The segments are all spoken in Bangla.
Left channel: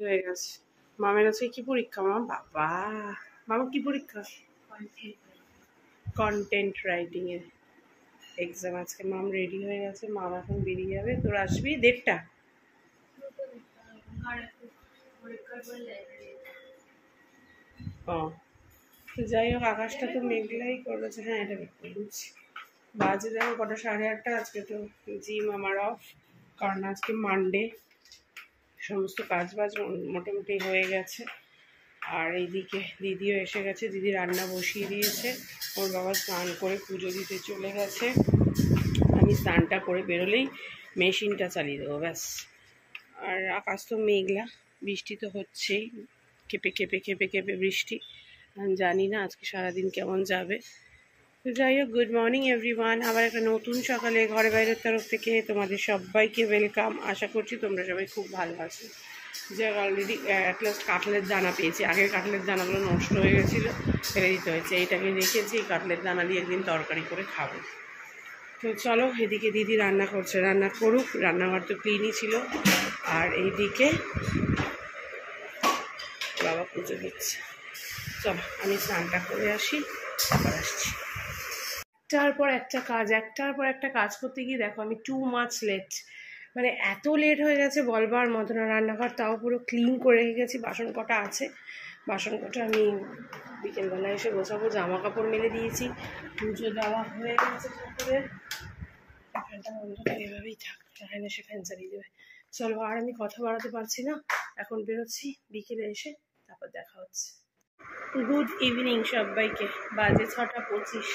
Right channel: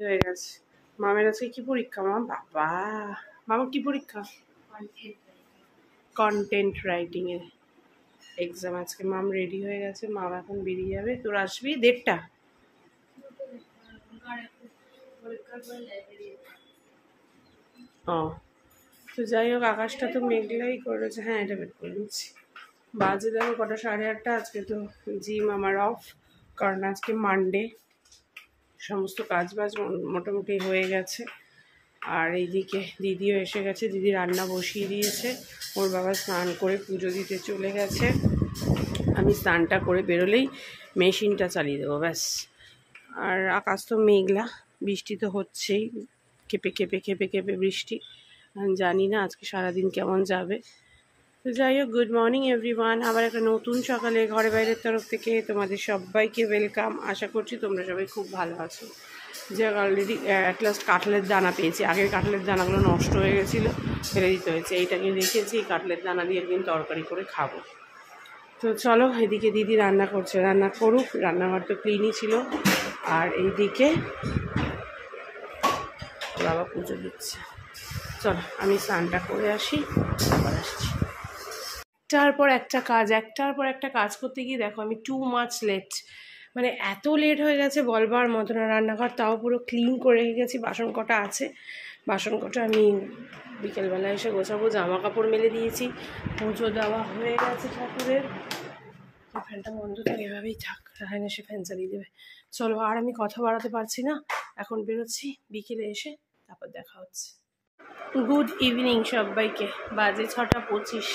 হয়ে গেছে। মামের আজকে কি পরীক্ষা? বাবা, মামা কি পরীক্ষা? কন্টেন্ট রাইটিং এর এক্সাম আজকে। মাম রেডি হয়ে গেছে, মাম এখন বেরিয়ে যাবে। তোর আসবি 1:30? ও, তো যাই হোক, আকাশটা তো মেঘলাই করেছে। হ্যাঁ, এটা বের করে নিচ্ছি। বাজে দেখো কটা, 8:30। আজকে তো জিম আমার অফ, কারণ আজকে মানডে। সমস্ত কাজ বাজ মোটামুটি হয়ে গেছে। আর এইদিকে দিদিও এসে গেছে, দিদি রান্না বসিয়ে দিয়েছে। ওর বাবা স্নান করে পুজো দিতে চলে গেছে। আমি স্নানটা করে বেরোলেই মেশিনটা চালিয়ে দেবো, ব্যাস। আর আকাশ তো মেঘলা, বৃষ্টি তো হচ্ছেই, কেঁপে কেঁপে কেঁপে কেঁপে বৃষ্টি। আমি জানি না আজকে সারাদিন কেমন যাবে। তো যাই হোক, গুড মর্নিং এভরিওয়ান। আবার একটা নতুন সকালে ঘরে বাইরের তরফ থেকে তোমাদের সবাইকে ওয়েলকাম। আশা করছি তোমরা সবাই খুব ভালো আছো। যে অলরেডি অ্যাট লাস্ট কাঁঠালের দানা পেয়েছি। আগের কাঁঠালের দানাগুলো নষ্ট হয়ে গেছিলো, ফেলে দিতে হয়েছে। এইটাকে রেখেছি, কাঁঠালের দানা দিয়ে একদিন তরকারি করে খাবো। তো চলো, এদিকে দিদি রান্না করছে, রান্না করুক। রান্নাঘর তো ক্লিনই ছিল। আর এইদিকে বাবা পুজো দিচ্ছে। চলো আমি স্নানটা করে আসি, আবার আসছি। একটার পর একটা কাজ করতে গিয়ে দেখো আমি টু মাচ লেট। মানে এত লেট হয়ে গেছে বলবার মতো না। রান্নাঘর তাও পুরো ক্লিন করে রেখে গেছি, বাসন কটা আছে। বাসন কটা আমি বিকেলবেলায় এসে গোছাবো। জামা কাপড় মেলে দিয়েছি, পুজো দেওয়া হয়ে গেছে ঠাকুরের। ফ্যানটা বন্ধ থাকে, এভাবেই থাক, রায়ন এসে ফ্যান চালিয়ে দেবে। চলো, আর আমি কথা বাড়াতে পারছি না, এখন বেরোচ্ছি। বিকেলে এসে তারপর দেখা হচ্ছে। গুড ইভিনিং সবাইকে। বাজে 6:25।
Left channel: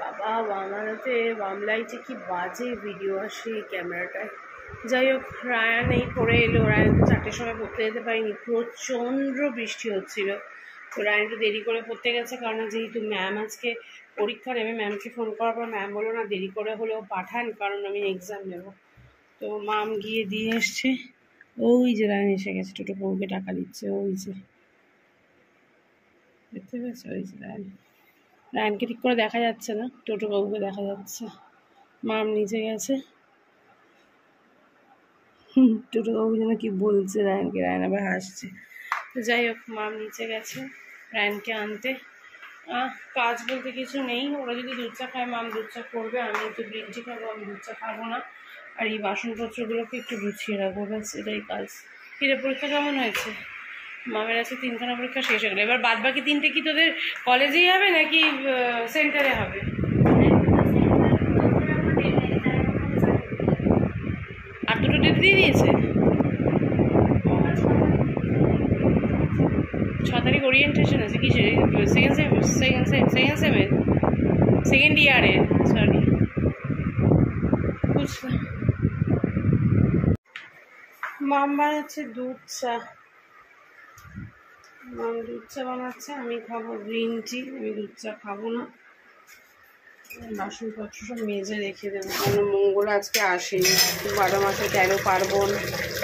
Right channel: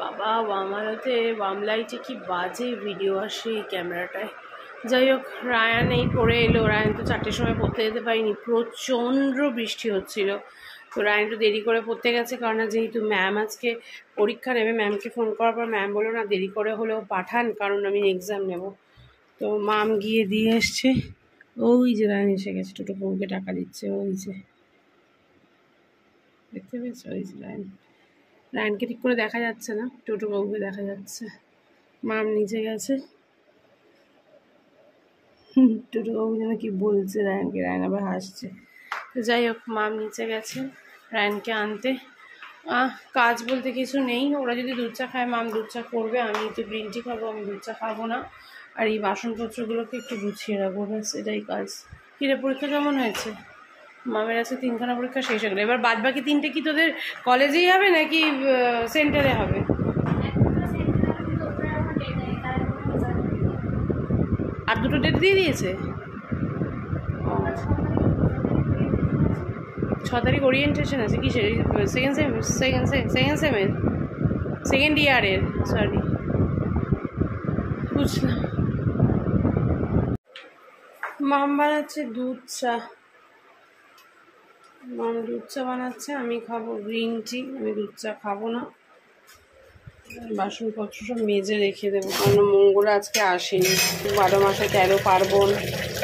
বাবা, বামারাতে বাম লাইটে কি বাজে ভিডিও আসে এই ক্যামেরাটায়। যাই হোক, রায়ান এই পড়ে এলো। রায়ান তো 4টের সময় পড়তে যেতে পারিনি, প্রচণ্ড বৃষ্টি হচ্ছিল। তো রায়ান একটু দেরি করে পড়তে গেছে, কারণ যেহেতু ম্যাম আজকে পরীক্ষা নেবে। ম্যামকে ফোন করার পর ম্যাম বললো না, দেরি করে হলেও পাঠান, কারণ আমি এক্সাম নেব। তো মাম গিয়ে দিয়ে এসছে। ওই যে রায়ান এসে গেছে, টোটো বউকে টাকা দিচ্ছে। ওই যে দেখতে পেয়েছো, ওই যে রায়ানকে ঠিক করে দেখা যাচ্ছে না, টোটো বাবুকে দেখা যাচ্ছে। মাম নিচে গেছে, টোটো বাবু যেন কি বলছে রায়ানকে, রায়ান আবার হাসছে। তো যাই হোক, মাম নিচে গেছে রায়ানকে আনতে। কাজ বলতে কিছু নেই। ওরা যদি দুধ চা খায়, মাম দুধ চা করবে। আমি একটু গ্রিন টি খাবো, আমি দুধ চা খাবো না। আর এই বাসনপত্রগুলোকে একটু গুছিয়ে রাখবো, ব্যাস, এটাই কাজ। কিরে, পরীক্ষা কেমন হয়েছে? মামের আছে 3খানা পরীক্ষা শেষ হয়ে গেলো। এবার বাদ বাকি 3টে কি তোদের কলেজেই হবে নাকি সেন্টারে হবে? আর 2টো ডেট দিয়ে দিয়েছে। 6 তারিখ ওরিয়েন্টেশন আছে। কিসের? সেকেন্ড ইয়ারের, সরি, বুঝলাম। মাম বানাচ্ছে দুধ চা। মাম দুধ চা বানাচ্ছে, আমি খাবো গ্রিন টি। আমি দুধ চা খাবো না। বাসনপত্র সব মেজে রেখে দেবো, কারণ মঙ্গল আজকে আসেনি। 12 মাসে 13 পার্বণ,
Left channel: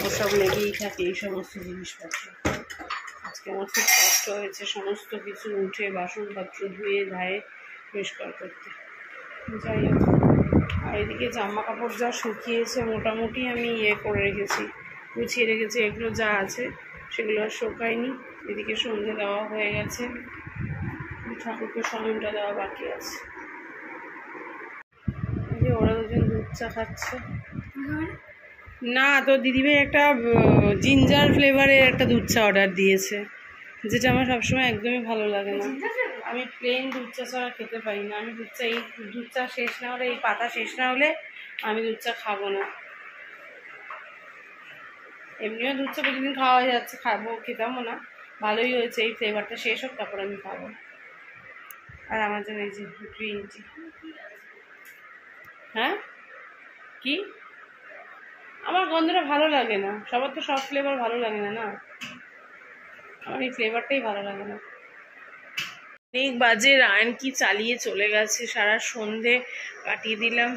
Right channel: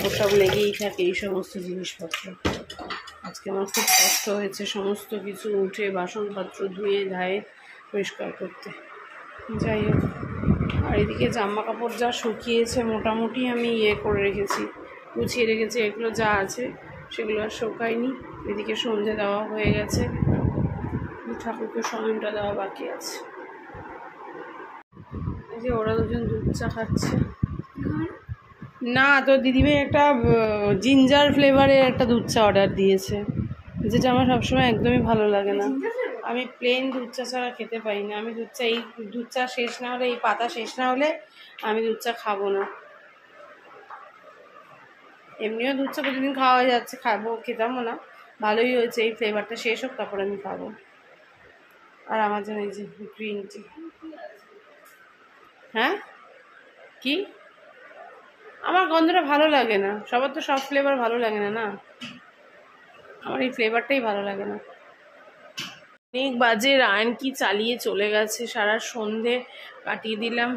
ওসব লেগেই থাকে এই সমস্ত জিনিসপত্র। আজকে আমার খুব কষ্ট হয়েছে সমস্ত কিছু উঠে, বাসনপত্র ধুয়ে ধায়ে পরিষ্কার করতে। যাই হোক, আর এদিকে জামা কাপড় যা শুকিয়েছে মোটামুটি আমি করে রেখেছি, গুছিয়ে রেখেছি। এগুলো যা আছে সেগুলো আর শুকায়নি। এদিকে সন্ধে দেওয়া হয়ে গেছে, ঠাকুরকে শয়নটা দেওয়া বাকি আছে। এই যে ওরা দুজন দুধ চা খাচ্ছে। না, তো দিদিভাই একটা জিঞ্জার ফ্লেভারের একটা দুধ চা অর্ডার দিয়েছে, যেটা আমার সবসময় একদমই ভালো লাগে না। আমি প্লেন দুধ চা ছাড়া খেতে পারি না। আমি এই দুধ চা শেষ না হলে, এই পাতা শেষ না হলে আমি দুধ চা খাবো না। এমনিও দুধ চা প্রতিদিন খাওয়া হয়ে যাচ্ছে, খেতামও না। ভালোই হয়েছে, এই ফ্লেভারটা শেষ হোক, তারপর আমি খাবো। আর আমার জন্য এই যে গ্রিন টি। হ্যাঁ, কি? আমার গন্ধটা ভালো লাগে না। সবার তো সব ফ্লেভার ভালো লাগে না, না, আমার এই ফ্লেভারটাই ভালো লাগে না। অনেক বাজে, রায়ান কি চালিয়ে চলে গেছে, সারা সন্ধে কাটিয়ে দিলাম।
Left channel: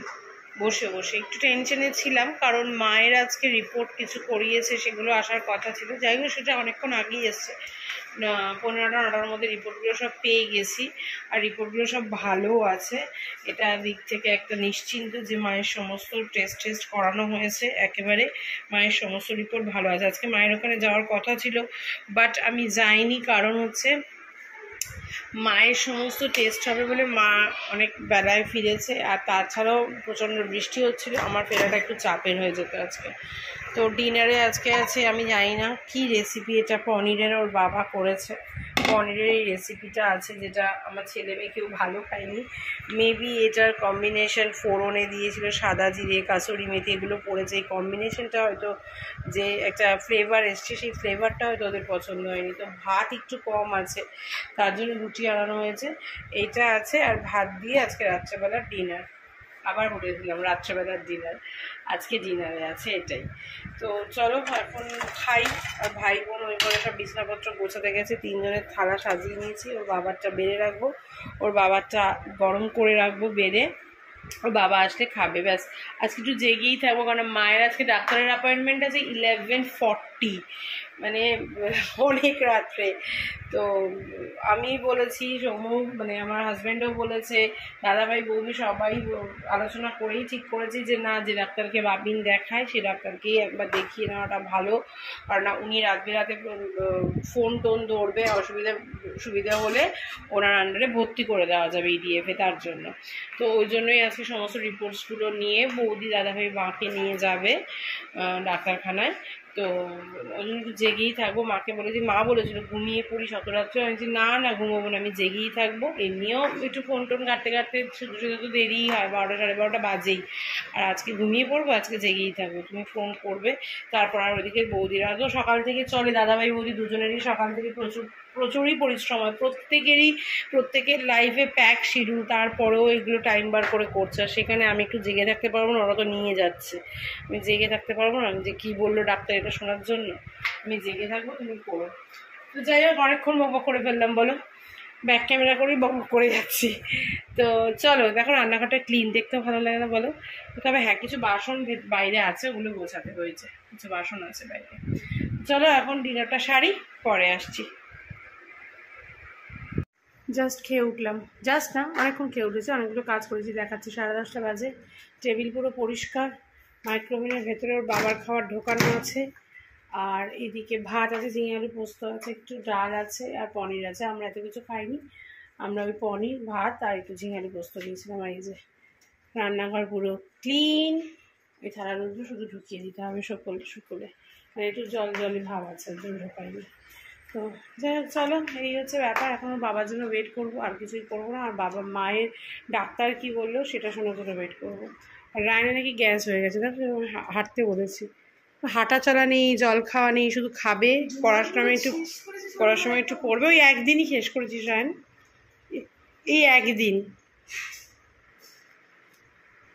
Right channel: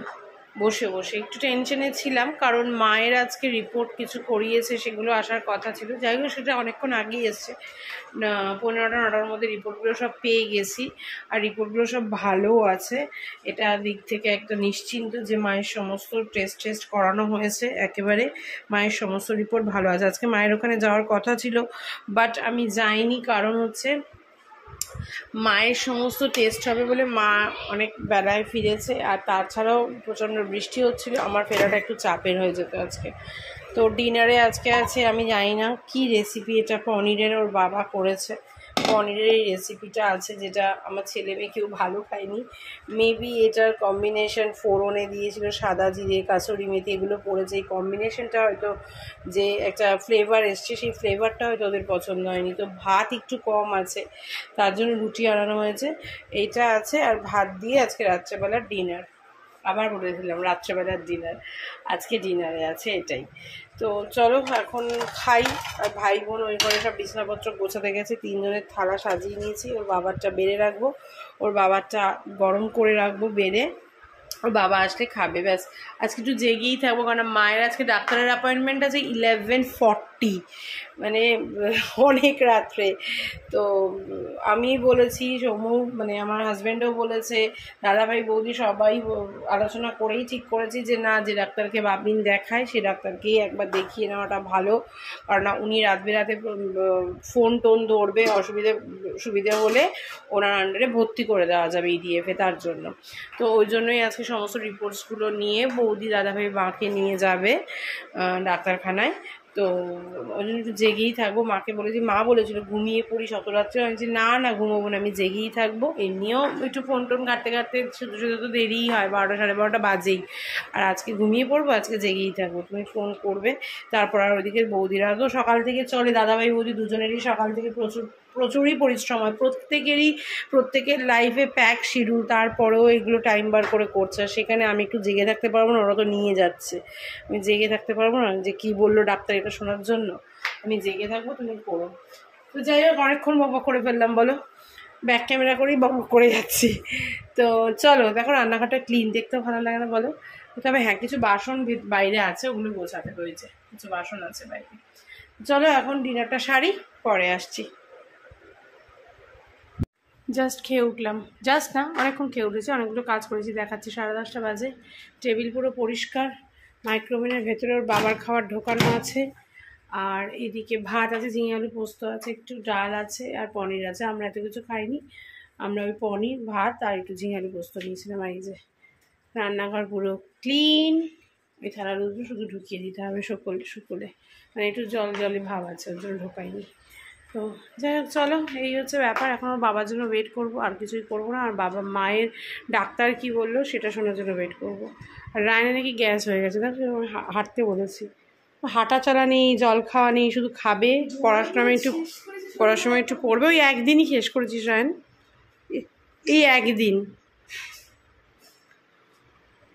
বসে বসে একটু টেনশনে ছিলাম, কারণ মায়ের আজকে রিপোর্ট কিছু করিয়েছে, সেগুলো আসার কথা ছিল। যাই হোক, সেটা অনেকক্ষণ আগেই এসছে, 15টা 9টার মধ্যে রিপোর্টগুলো সব পেয়ে গেছি, আর রিপোর্টগুলো সব ভালোও আছে। এটা দিক থেকে একটা নিশ্চিন্ত যে মায়ের সমস্ত টেস্ট করানো হয়েছে, একেবারে মায়ের সমস্ত রিপোর্ট ভালো আছে। আজকে মায়ের ওখানে যাওয়ার কথা ছিল, বাট আমি যাইনি, কারণ হচ্ছে মায়ের সমস্ত টেস্ট হবে বলে মা অনেক বেলায় ফিরেছে, আর তাছাড়াও প্রচণ্ড বৃষ্টি হচ্ছিল, আমার ফেরাটা একটু চাপের হয়ে যেত আজকে। তো ডিনারে আজকে আছে, আমি জানি না কি রেসিপি, এটা পনিরের ওর বাবা করেছে। পনিরের এই রেসিপিটা আছে, যেটা আমার ছেলে মেয়ে কেউ ভালো খায়নি। মেবি এটার কম্বিনেশন ফোড়নে দিয়েছিল সাদা জিরে, কাসুরি মেথি, এগুলো পড়েছে। এই কম্বিনেশনটা হয়তো যে একটা ফ্লেভার এসছে, সেই ফ্লেভারটা হয়তো ওদের পছন্দ হয়নি। তো ভাত একটু কম আছে, তার জন্য রুটি আনানো হয়েছে। এইটা আছে, আর ভাত দিয়ে আজকে রাত্রেবেলার ডিনার। আবার বলেছিলাম রাত্রেবেলার ডিনার, আজকে ডিনারে আছে এটাই। তো চলো এখন খাই। আর ভাই বোন ওই করে সব বিছানাপত্র গোছাতে গেছে, 3জনের থালা সাজিয়ে নিয়েছি। ওর বাবারটা বেড়ে রাখবো, ওর বাবারটা গরম করে রাখবো বেড়ে, ওর বাবা আসলে খাবে। ব্যাস আজকে একটু জেগেই থাকবো, কারণ মায়ের আজকে ডাক্তারের অ্যাপয়েন্টমেন্ট আছে 11:40, মানে অনেক রাত্রে। তো আমি বলেছি, সৌম্য মানে আমার হাজব্যান্ডও বলেছে, দাদাভাই বৌদি সবাই আলোচনা করেই ঠিক করেছি যে না, যে ডাক্তারকে বাবিন দেখায় সে ডাক্তারকেই একবার দেখিয়ে নেওয়াটা ভালো। কারণ উনি রাতে ফোন টোন ধরবে, সুবিধা হলে ওনার আন্ডারে ভর্তি করে দেওয়া যাবে ইডিএফে, তার জন্য। তো ওই জন্যই আজকে সমস্ত রিপোর্টসগুলো নিয়ে বৌদি দাদাভাই মাকে নিয়ে যাবে ডাক্তারখানায়। তো ওই জন্য একটু জেগেই থাকবো। মাকে বলেছি, মা বলেছিল ঘুমিয়ে পড়ি শতরাত্রে, আমি বলছি না না ঘুমোবো না, আমি জেগেই থাকবো। এমনিও একটু ফোন টোন ঘাটতে শুধু তো দেরিই হয়, 12টা 12:30 বাজেই। আর আজকে ঘুমিয়ে পড়বো, আজকে জেগেই থাকবো। তুমি ফোন করবে, তারপর আর ওইদিকে বৌদিরা তো সকাল থেকে চলে, দাদাভাই বৌদি দুজনেরই সকাল থেকে প্রচুরই পরিশ্রম হয়, প্রত্যেকের লাইফে প্যাক শিডিউল, তারপরেও এগুলো টাইম বার করে করছে। আর সেখানে আমি একটু জেগে থাকতে পারবো না, ওরা তো নিয়ে যাচ্ছে, আমি জেগে থাকতে পারবো না। যে কি বললো ডাক্তার এটা শোনার জন্য আমি জেগে থাকবো, তুমি করো। তো যাই হোক, অনেকক্ষণ বক করে ফেললাম বলো, ব্যাক ক্যামেরা করেই বক করে যাচ্ছি। তো চলো, দেখো রান্নাঘরটা ক্লিন, দেখতেও ভালো লাগে না বলো। তবে হ্যাঁ, কিছু বাসন বাইরে আছে, ওগুলো গোছাতে হয়েছে, কিছু বাসন আছে বাইরে। চলো এখন ডিনারটা সারি, পরে আসছি। জাস্ট খেয়ে উঠলাম, জাস্ট না অনেকক্ষণ খেয়ে উঠেছি, অনেকগুলো কাজ করেছি, দেখাচ্ছি। 10:30 বাজে, টেবিল পুরো পরিষ্কার, মাইক্রোওভেনের ভেতরে ওর বাবার খাবার ঢোকানো আছে, আর এদিকে ভাত আছে, ঝিঙে আলু পোস্ত আছে, একটু ডাল আছে, আর পনির আছে। আমরা এত কিছু খাইনি, আমরা ওই পনির ভাত আর একটু ঝিঙে আলু পোস্ত নিয়েছিলাম। এই যে রান্নাঘর পুরো ক্লিন, ওই থালাগুলো শুধু ঢুকিয়ে দিতে হবে শুকোলে, মানে একটু জলে ভাব আছে, ওর জন্য ঢোকাইনি। তো যাই হোক, চলো এই হচ্ছে ব্যাপার। এখন ওর বাবার জন্য ওয়েট করবো, আর কিছুই করবো না। আর মায়ের ডাক্তার কি বললো সেটা শোনার জন্য ওয়েট করবো। আর রায়না নাকি গ্যাস হয়ে গেছে, দেখো হাঁটতে বলেছি, হাঁটা চলা নেই, জল খাওয়া নেই, শুধু খাবে, পড়ার সময় একটু পড়বে। ওই একদিনই শেষ করেছিস রায়ন, এই একদিন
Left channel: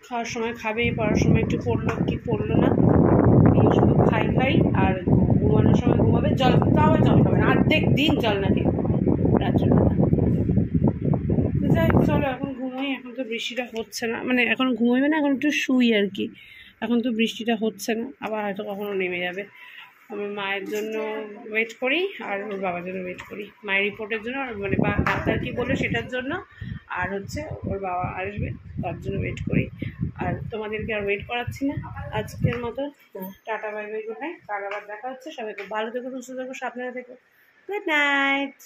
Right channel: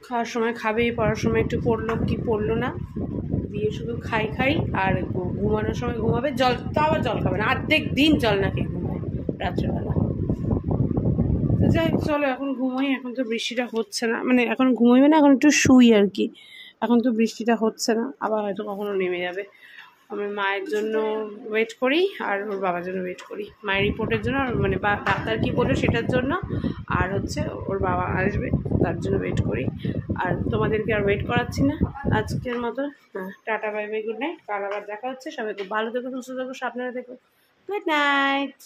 খাওয়ার সময় খাবে, পড়ার সময় একটু পড়লো কি পড়লো না, দিয়ে শুধু খাই আর ঘুমানোর সময় ঘুমাবে, জল তো আবার জল খাবে না, অর্ধেক দিন জল না খেয়ে ঘুমায় রাত্রেবেলা। তো যাই চলো এখন ঘুমোই, এখন তো বৃষ্টিটা হচ্ছে না, মানে এখন ঘুমোইবে না, এখন একটু শুই আর কি। এখন তো বৃষ্টিটা হচ্ছে না, আবার হয়তো কখনো নেমে যাবে। আমি মায়ের জন্য ওয়েট করি, আর ওর বাবার জন্য ওয়েট করি, মায়ের রিপোর্টের জন্য, মানে ডাক্তার কী বললো সেটার জন্য, আর হচ্ছে ওর বাবা আসবে তার জন্য ওয়েট করি। আর তোমাদেরকে আর ওয়েট করাচ্ছি না আজকের মতো। Tata, bye bye, good night. কাল আবার দেখা হচ্ছে। সবাই খুব ভালো থেকো, সুস্থ থেকো, সাবধানে থেকো। Good night.